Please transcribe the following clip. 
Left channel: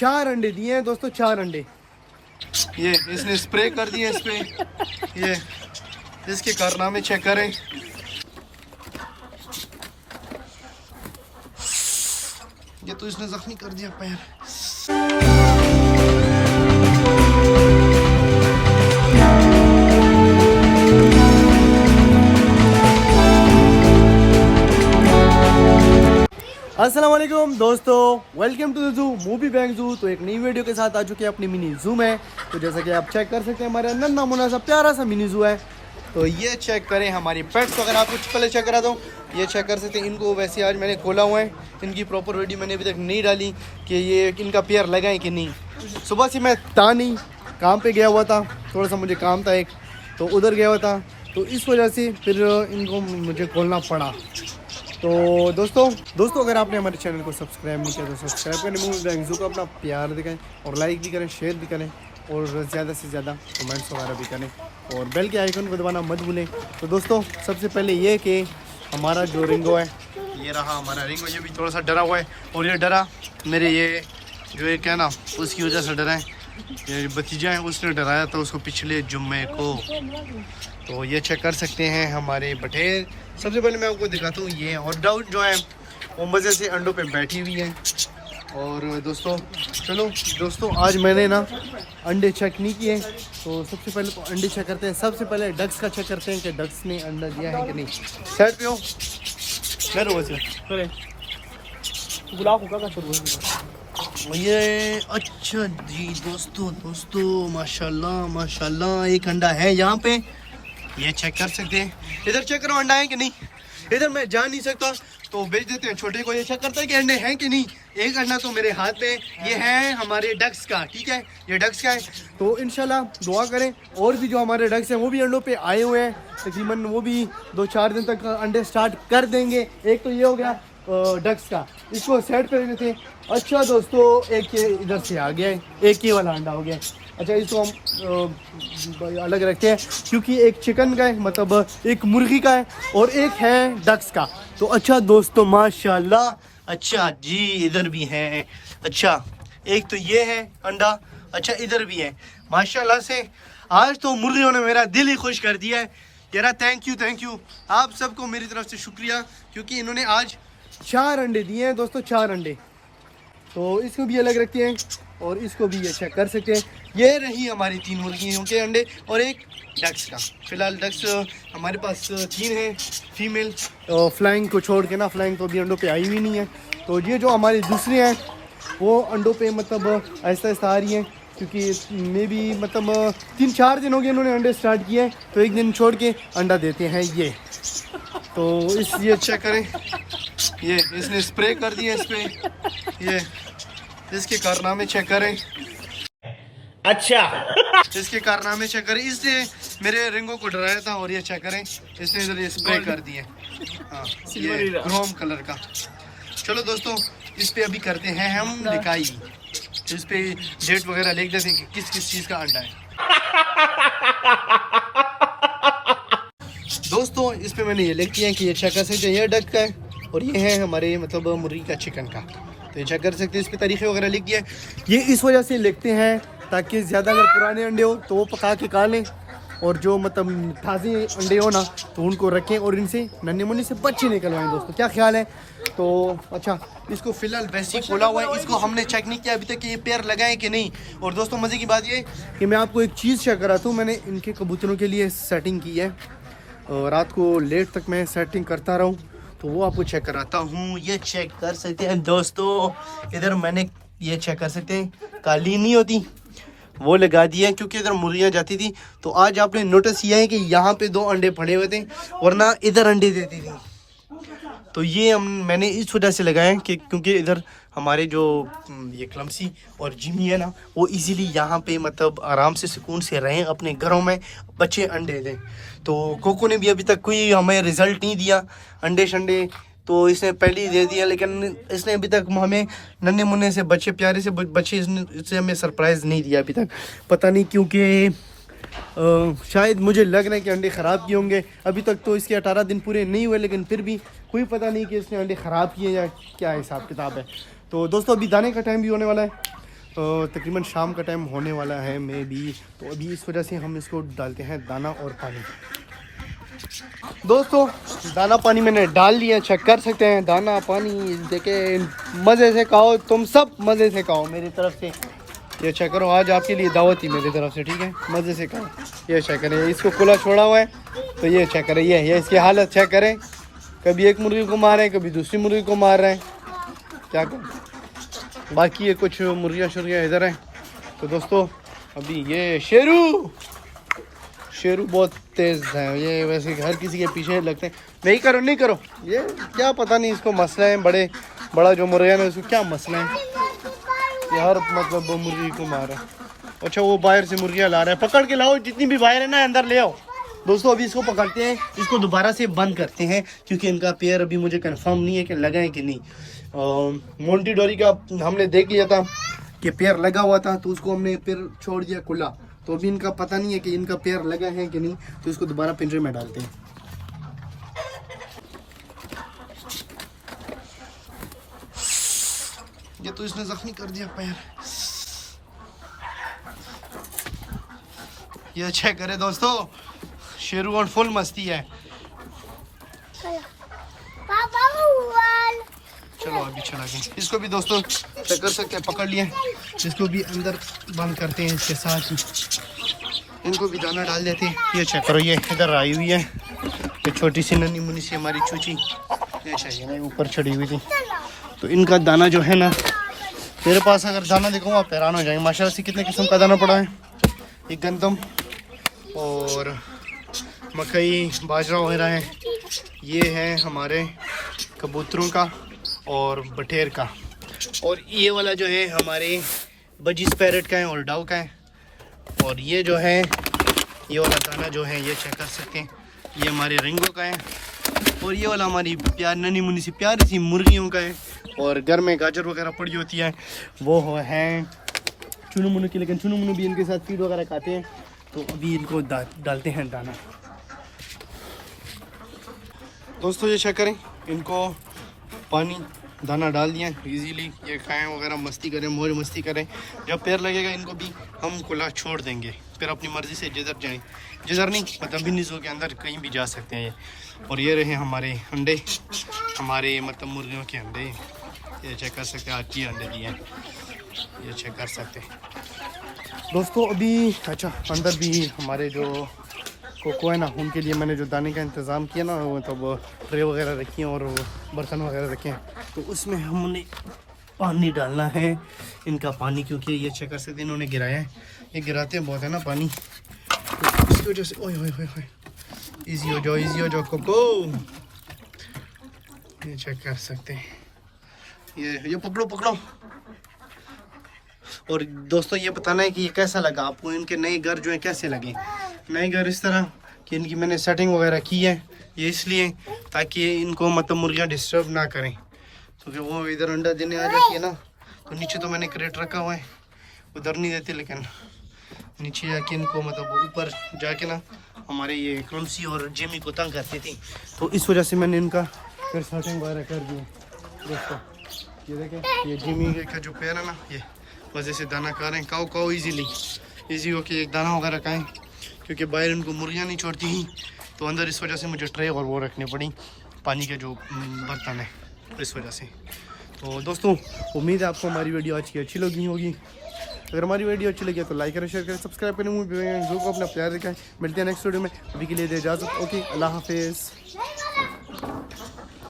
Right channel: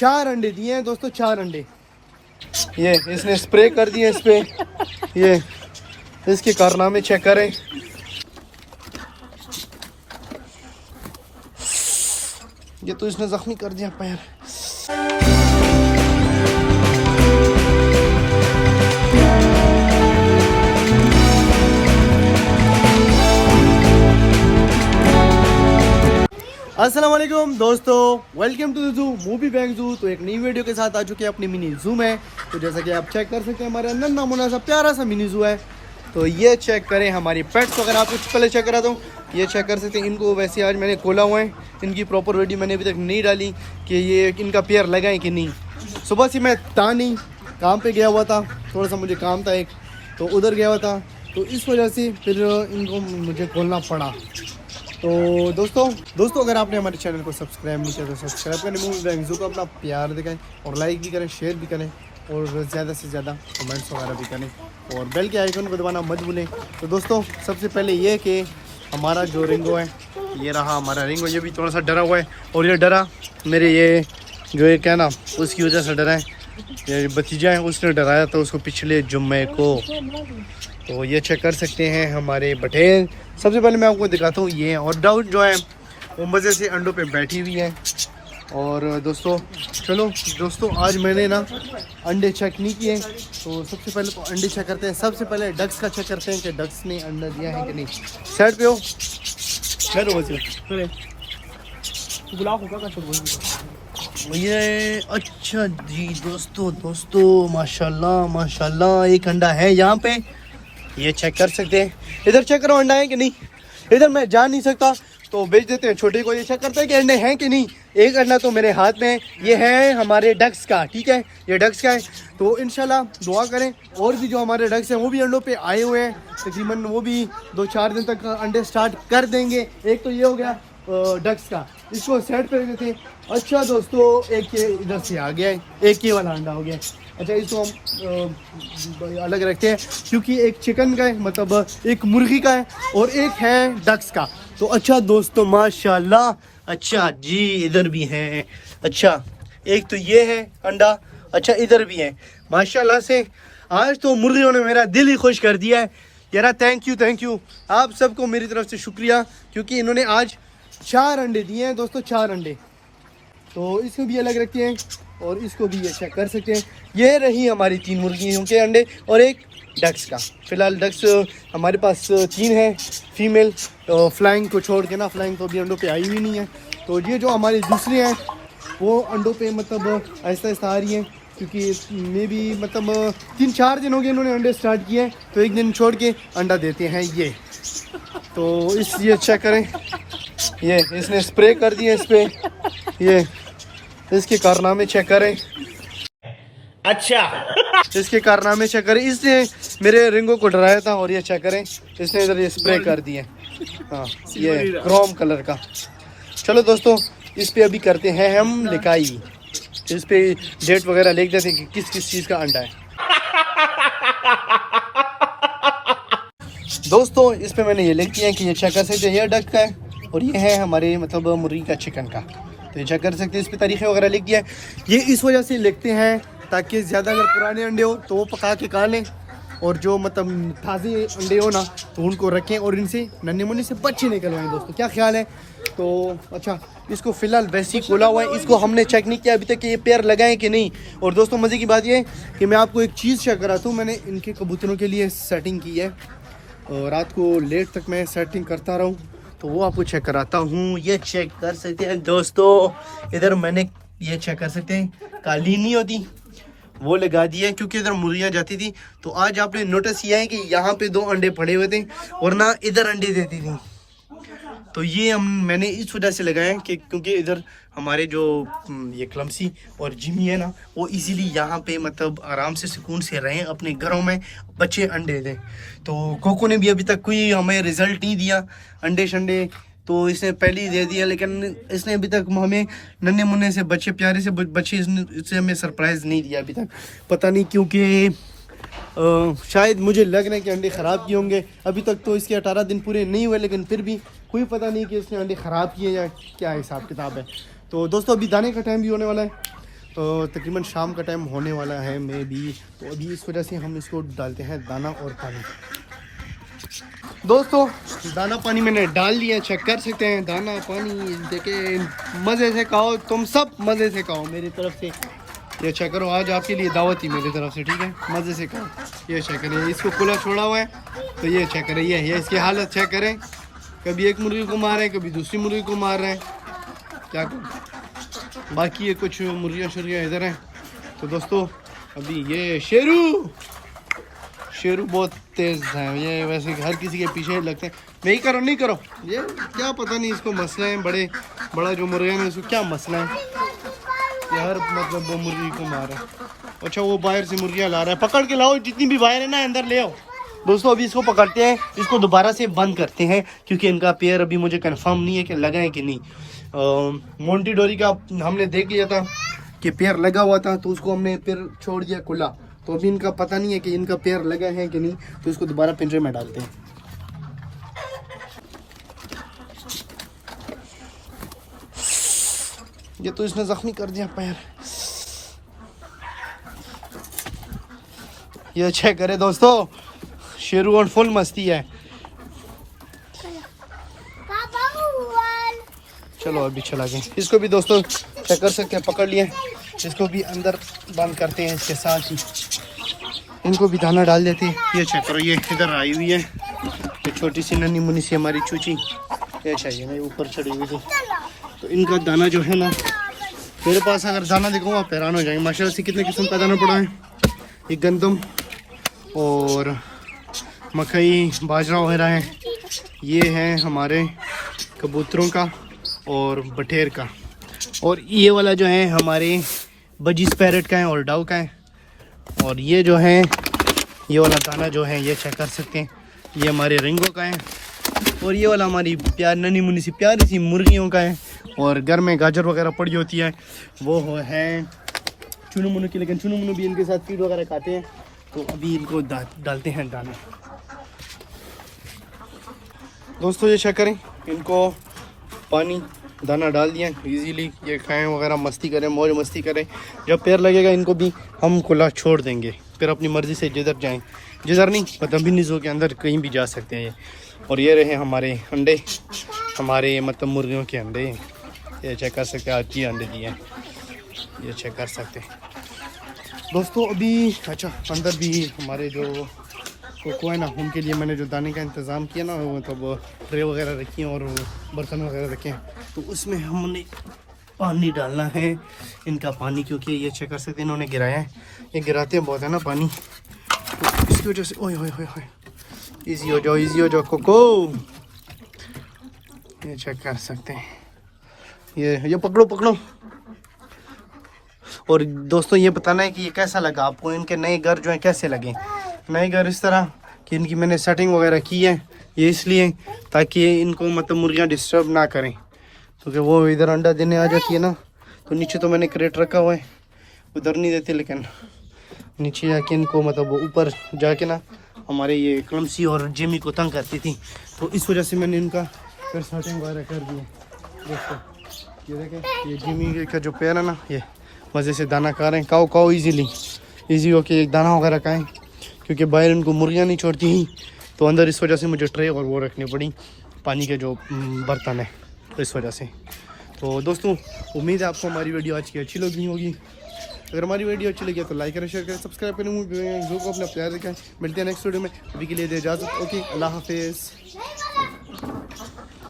4 अंडे दिए हैं दोस्तों, 4 अंडे। ये इसने स्प्रे कर दिए इस पे। ये इसके कारनामे चेक करें। ये तो इसने जख्मी कर दिया पैर। अस्सलाम वालेकुम दोस्तों, welcome to the zoo movie bank zoo. तो एक नई वीडियो के साथ आ चुके हैं अपनी मिनी जू में। तो जैसा कि आप चेक कर सकते हैं, हमारे अंदर नमूना सा प्यारा सा मिनी जू है। तो ये चेक करें हमारी पेट्स वगैरह। आप कुछ पहले चेक करा दो, ये चेक कर सकते हैं। इनको वैसे आज मैंने खोला हुआ है, इनकी प्रॉपर वीडियो मैंने अभी तक नहीं डाली कि ये इनका पेयर लगाएं कि नहीं। सुबह से मैं था नहीं, काम पे गया हुआ था, थोड़ा सा मुझे काम था एक, तो उधर गया हुआ था, तो इस वजह से फिर इनको मुझे खोलना पड़ा। तो दोस्तों अगर आपने हमारे चैनल को सब्सक्राइब नहीं किया तो सब्सक्राइब करें, मूवी बैंक जू को अपना प्यार दिखाएं और लाइक भी करें, शेयर भी करें और ज़्यादा से ज़्यादा कमेंट्स वगैरह भी करें और बेल के आइकन को दबाना मत भूलें। तो दोस्तों सबसे पहले ये कि हमारा जो रिंगो है, ये रहा हमारा रिंगो। ये भी थोड़ा सा डरा हुआ है और ये डरा मेरे ये जो है क्या ना उसकी वजह से डरा है। ये भतीजा है, उसने डराया था उसको पिछले जुम्मे को। तो ये चेक कर सकते हैं हमारे बटेल। सबसे पहले मैं आपको दिखाता हूँ ये, और डाउट जो है वो मज़े से अंडों पे बैठी हुई है। और दोस्तों चलो दोस्तों, आज मैंने ना अंडे चेक नहीं किए, तो सबसे पहले तो अंडे चेक करते हैं। सबसे पहले डक्स का चेक करते हैं कि डक्स ने अंडा दिया है कि नहीं। सेट पे हो ये अच्छा जी दोस्तों माशाल्लाह माशाल्लाह, एक अंडा है यहाँ पे, ये चेक कर सकते हैं। इधर चेक करो अंडा है कि नहीं। इधर मैं जा नहीं सकता तो भेज देते हैं छोटे को, ये चेक करता है कि अंडे हैं कि नहीं। एक अंडा तो मेरे हाथ में है, ये है हमारे डक्स का, ठीक है, ये डक्स का है। तो इंशाल्लाह दुआ करें और भी जो हमारे डक्स हैं वो भी अंडों पे आए हुए हैं, तकरीबन वो भी 2-4 दिन तक अंडे स्टार्ट कर देंगे। एक तो ये हो गया डक्स का, इसको सेट कर देते हैं। अच्छा दोस्तों, एक ये इधर से आ गया है, एक ये वाला अंडा हो गया है। अच्छा इसको हम अलग रखते हैं क्योंकि एक चिकन का है, मतलब एक मुर्गी का है और एक है डक्स का। तो अच्छा दोस्तों माशाल्लाह, अच्छा जी इधर भी है। अच्छा एक तो ये है अंडा, अच्छा इधर भी है माशाल्लाह से। आज तो मुर्गियों ने मेरा दिल ही खुश कर दिया है यार। थैंक यू आप सबको मेरी तरफ से शुक्रिया, क्योंकि इन्होंने आज 4 अंडे दिए हैं दोस्तों, 4 अंडे। तो इसको भी अलग रखते हैं और इसको भी ये चेक कर सकते हैं। ये रही हमारी 3 मुर्गियों के अंडे और एक डक्स का। फिलहाल डक्स हमारे पास 3 है फीमेल, तो फ्लाइंग को छोड़ के ना, फ्लाइंग तो अभी अंडों पे आई हुई नहीं है। तो ये जो हमारी दूसरी हैं वो अंडों पे मतलब आहिस्ता आहिस्ता आ रही हैं, क्योंकि मे भी मतलब 3-4 दिन हो गए इन्होंने अंडे स्टार्ट किए हैं, तो एक दिन छोड़ के अंडा देते हैं ये। तो ये चेक करें, ये इसने स्प्रे कर दिया इस पे। ये इसके कारनामे चेक करें। अच्छा इसके कारनामे चेक करें। इसने मेरे रिंगो को डराया था और ये चेक करें, इसने इधर ये स्प्रे कर दिए। हाँ ये क्रोम कलर का। चलो दोस्तों, इस पे अभी करते हैं हम लिखाई, इस पे डेट वगैरह लिख देते हैं कि किस किस चीज़ का अंडा है। दोस्तों इस पे मैंने ये लिख दिया कि ये चेक कर सकते हैं, ये डक का है और ये है हमारे मतलब मुर्गी का चिकन का। तो ये चेक कर सकते हैं, इस पे तारीखें वगैरह लिख दिया है। ये इस वजह से लिखते हैं ताकि ज़्यादा अगर पुराने अंडे हो तो वो पका के खा लें, और जो मतलब ताज़े अंडे हो ना तो उनको रखें और इनसे नन्हे मुन्ने से बच्चे निकलवाएं। दोस्तों क्या ख्याल है। तो अच्छा इसको फ़िलहाल वैसे ही खोला हुआ है, इसको हमने चेक नहीं किया अभी तक कि ये पेयर लगाएं कि नहीं। और दोस्तों मज़े की बात ये है कि मैं आपको एक चीज़ चेक कराता हूँ। मैंने इनके कबूतरों के लिए सेटिंग की है, रात को लेट तक मैं सेटिंग करता रहूँ, तो वो आपको चेक कराता हूँ। ये चेक कर सकते हैं दोस्तों, इधर मैंने ये चेक कर सकते हैं, कालीन नहीं होती वो लगा दी है क्योंकि इधर मुर्गियाँ जाती थी। तो आज आपने नोटिस किया है कि यहाँ पे 2 अंडे पड़े हुए थे, वरना इधर अंडे देती थी। तो ये मैंने इस वजह से लगाया कि क्योंकि इधर हमारे जो ये क्लमसी और जिमी है ना, वो इजीली यहाँ पे मतलब आराम से सुकून से रहें अपने घरों में, बच्चे अंडे दें। तो कोको ने भी अभी तक कोई हमें रिजल्ट नहीं दिया अंडे शंडे, तो इसने पहले ही दे दिया, लेकिन इसने अभी तक हमें नन्हे मुन्ने से बच्चे, प्यारे से बच्चे इसने हमें सरप्राइज़ नहीं दिया अभी तक। पता नहीं क्योंकि शायद मुझे लग रहा है कि अंडे ख़राब किए होंगे। अभी तक तो इसके 18 दिन पूरे नहीं हुए, लेकिन फिर भी कोई पता नहीं कि इसने अंडे ख़राब किए या क्या हिसाब किताब है। तो दोस्तों अभी दाने का टाइम भी होने वाला है, तकरीबन शाम का टाइम होने वाला है मैं भी, तो अभी इस वजह से हम इसको डालते हैं दाना और पानी। दोस्तों दाना पानी मैंने डाल लिया, चेक कर सकते हैं दाना पानी, देखे मज़े से खाओ, तुम सब मज़े से खाओ मेरी तरफ से। ये चेक करो, आज आपके लिए दावत ही मेरी तरफ से, ठीक है, मज़े से खाओ। ये चेक करें, इसको खुला छोड़ा हुआ है, तो ये चेक करें, ये इसकी हालत चेक करें, कभी एक मुर्गी को मार रहे हैं, कभी दूसरी मुर्गी को मार रहे हैं, क्या करें। बाकी ये कुछ मुर्गियाँ शुर्गियाँ इधर हैं। तो दोस्तों अभी ये शेरू बहुत तेज़ है, ये वैसे हर किसी के पीछे लगते हैं। नहीं करो नहीं करो, ये क्या पता नहीं इसको मसला है, बड़ा जो मुर्गा है उसको क्या मसला है, ये हर मतलब वो मुर्गी को मार रहा है। अच्छा वो बाहर से मुर्गियाँ ला रहा है, पकड़ के लाओ, जितनी भी बाहर है ना अंदर ले आओ। दोस्तों अभी इसको पकड़ते हैं, इसको दोबारा से बंद करते हैं, क्योंकि इनका पेयर अभी मुझे कंफर्म नहीं है कि लगा है कि नहीं। मोंटी डोरी का हमने देख लिया था कि पेयर लगा हुआ था, तो उसको हमने फिर छोड़ दिया खुला, तो अभी इनका पता नहीं है कि इनका पेयर लगा है कि नहीं, तो इसको दोबारा पिंजरे में डालते हैं। ये तो इसने जख्मी कर दिया पैर। ये चेक करे दोस्तों, शेरू और फुल मस्ती है। चलो अभी चला गए, इसको भी दोस्तों कर सकते हैं, पकड़ लिए, इसको भी अंदर बंद करते हैं, इसके साथ ही इनको भी दाना डाल देते हैं। ये चेक करो, ये इधर आई हुई है, ये छोटी सी नन्ही मुन्नी सी हमारी चूची, ये चाहिए नहीं ऊपर चढ़ी हुई थी। तो इनका दाना जो है ना, मेरे पास अगर दाना दिखाऊँ आप हैरान हो जाएंगे, माशाल्लाह से कितने किस्म का दाना पड़ा है। ये गंदम और मकई बाजरा वगैरह है, ये है हमारे कबूतरों का और बटेर का, और ये वाला जो है हमारे बजीज पैरेट का है और डाउ का है। और ये जो है ये वाला दाना जो है ये चेक कर सकते हैं, ये हमारे रिंगों का है, और ये वाला हमारी नन्ही मुन्नी सी प्यारी सी मुर्गियों का है। और घर में गाजर वगैरह पड़ी होती है, वो है चुनू मुनू की, लेकिन चुनू मुनू भी इनके साथ फीड वगैरह खाते हैं। तो अभी इनको डालते हैं दाना। दोस्तों ये चेक करें, इनको पानी दाना डाल दिया इजीली, ये खाएं वगैरह, मस्ती करें, मौज मस्ती करें। जब पैर लगेगा इनको भी हम खुला छोड़ देंगे, फिर अपनी मर्ज़ी से जिधर जाएं, जिधर नहीं मतलब बिन्नीज़ों के अंदर कहीं भी जा सकते हैं ये। और ये रहे हमारे अंडे, हमारे मतलब मुर्गियों के अंडे, ये चेक कर सकते हैं, आज ही अंडे दिए हैं, ये चेक कर सकते हैं दोस्तों। अभी अच्छा अंदर भी हमारे जो कोको है ना, उनके लिए मैंने जो दाने का इंतज़ाम किया ना, मतलब ट्रे वगैरह रखी हैं और बर्तन वगैरह रखे हैं, तो उसमें हमने पानी डालना है, इनका पानी, क्योंकि ये चेक कर सकते हैं इन्होंने गिराया है, ये गिराते बहुत है ना पानी, इसकी वजह से। ओए ओए ओए, इजी हो जाओ कोको, ये चेक कर सकते हैं, ये पकड़ो। और दोस्तों ये बताना है कि ये कैसा लगा आपको, इनके नए घर जो है कैसे लगे। नए घर इस तरह कि इनकी मैंने सेटिंग वगैरह की है, ये इसलिए ताकि इनको मतलब मुर्गियाँ डिस्टर्ब ना करें, क्योंकि वो इधर अंडा देने आ जाती है ना, तो नीचे तो मैंने क्रेट रखा हुआ है, उधर नहीं देते, लेकिन नीचे जाके इनको मतलब ऊपर जाके ना हमारे ये क्लमसी और जिमी को तंग करती थी, तो इस वजह से मैंने इनका फिर सेटिंग वगैरह कर दी है। दोस्तों ये देखें, ये जिमी का जो पैर है ना, ये मज़े से दाना खा रहे हैं, खाओ ईजी हो के दाना वगैरह खाएँ, क्योंकि बाहर इनको मुर्गियाँ नहीं छोड़ती ही, तो अंदर इस वजह से मुझे ट्रे और वो रखनी पड़ी, पानी के जो बर्तन है, तो इस वजह से। तो दोस्तों उम्मीद है आपको हमारी वीडियो आज की अच्छी लगी होगी। अगर हमारी वीडियो अच्छी लगी तो लाइक करें, शेयर करें, सब्सक्राइब करें, जो को अपना प्यार रखें। मिलते हैं नेक्स्ट वीडियो में, अभी के लिए दे इजाज़त, ओके, अल्लाह हाफिज़।